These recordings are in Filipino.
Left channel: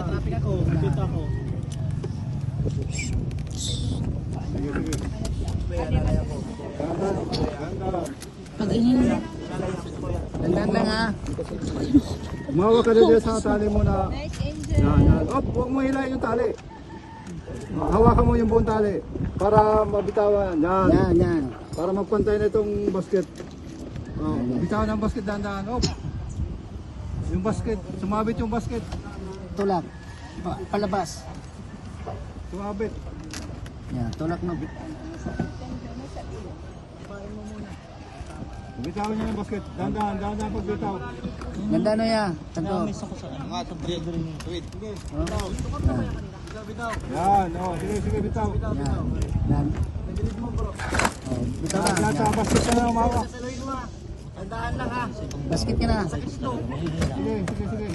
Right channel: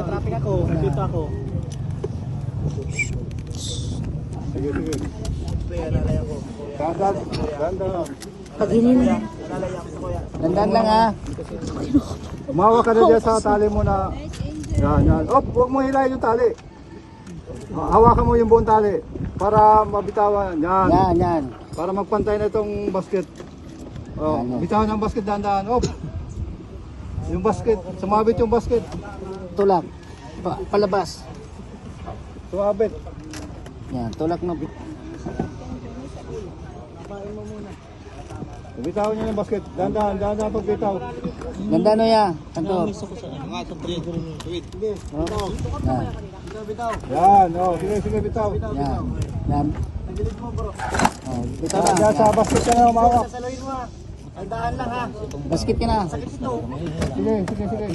traffic ako. Nandito ako. Sige, sige. Ganda lang. Pag inin. Dandan lang ha. Umawa ka na dyan sa tali mo na. Yan, yan. Op, huwag mo hilahin yung tali. Hawakan mo yung buong tali para mabitawan. Yan. Yan, yan. Para magpantay na itong basket. Oh, bitawan ang basket dahan-dahan. Op. Yung basket, sumabit yung basket. Tulak. Palabas. Sumabit. Yan, tulak no. Bitawan niyo yung basket. Dahan-dahan, dahan-dahan pagbitaw. Ganda no yan. Kanto. Yan, oh, sige, sige, bitaw. Yan. Yan. Ito na. Diyan sa basket ka na umawak. Tandaan lang ha. Basket ka na. Sige, sige, sige.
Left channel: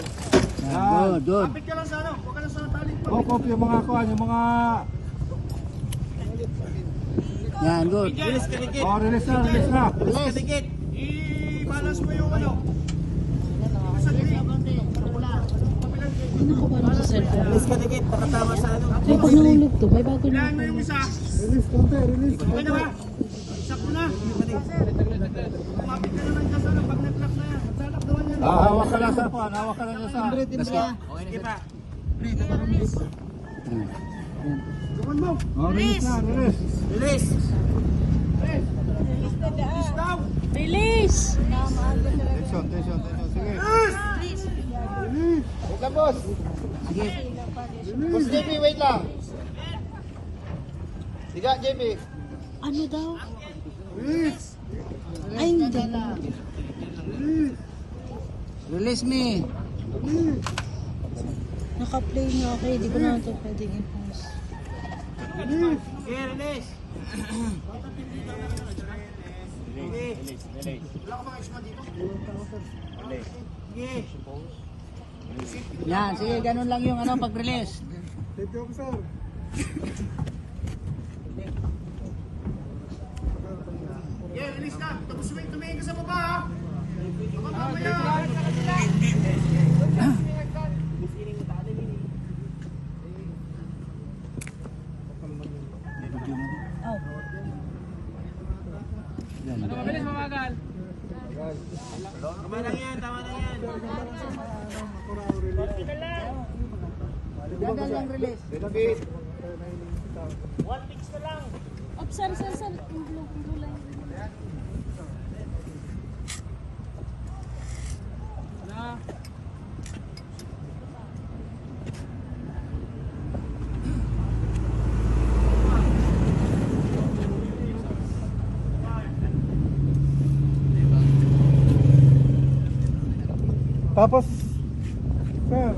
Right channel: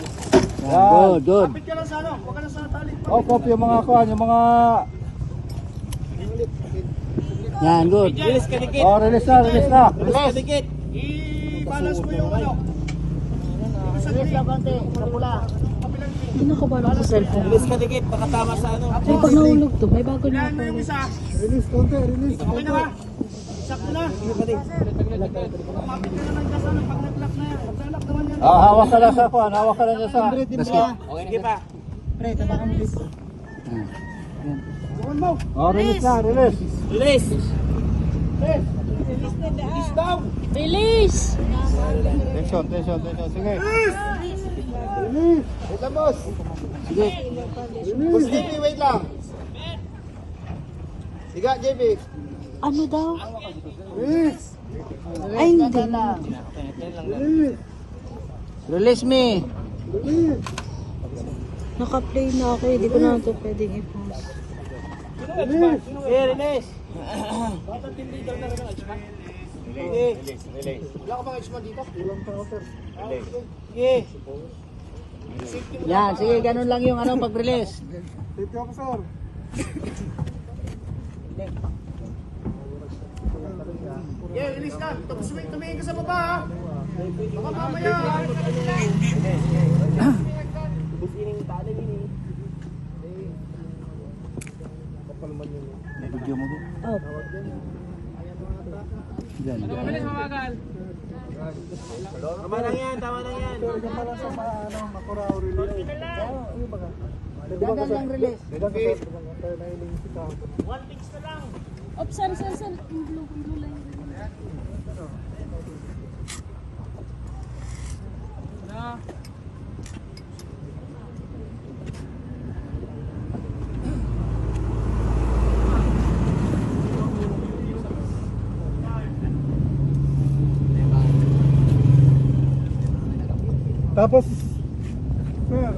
Yan, good, good. Kapit ka lang sa ano, huwag ka lang sa tali. Op, yung mga kuhan, yung mga... Yan, good. Oh, release na, release na. Release. I-balance mo yung ano. Sino ka ba sa cellphone? Release ka dikit. Nakatama sa ano. May pag nahulog to. May bago na ako. Release, konti, release. Okay na ba? Isak mo na. Ah, hawak ka lang sa kuhan, hawak ka lang sa... Okay pa. Pre, tapakan mo this. Oh, release na, release. Release. Release! Tension, tension, tension, sige. Release! Wait lang, boss. Sige. Release! JP, wait lang. Siga, JP. Ano daw? Release! Ay, hindi. Release! Release me. Release! Naka-play na ako. Hindi ko na ito pwedeng i-pause. Release! Okay, release. Wala ka bang extra dito? Iwan ka ako, sir. Sige. Yan, sige, ganun lang yung ano pag-release. Safety officer. Yeah, release na. Tapos tumingin ka sa baba ha. Baka mamaya. Oh. Tama lang yan, tama lang yan. Dagan lang release. Op, sir. Kumblo lang. Tapos, sir,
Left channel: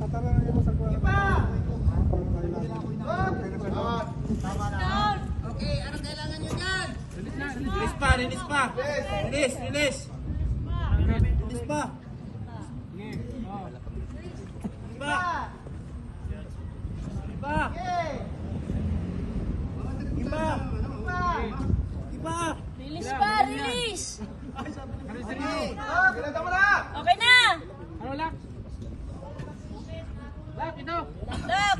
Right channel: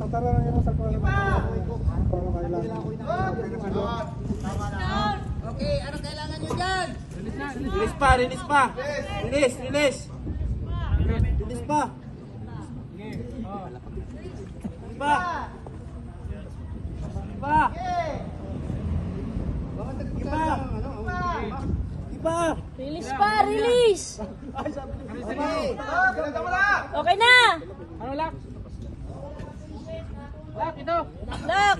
tatara lang yung sa kuha. Para kailangan. Okay, anong kailangan nyo dyan? Release pa, release pa. Release, release. Release pa. Release pa. Iba. Release pa, release! Okay na! Ano, lock? Lock, ito. Lock!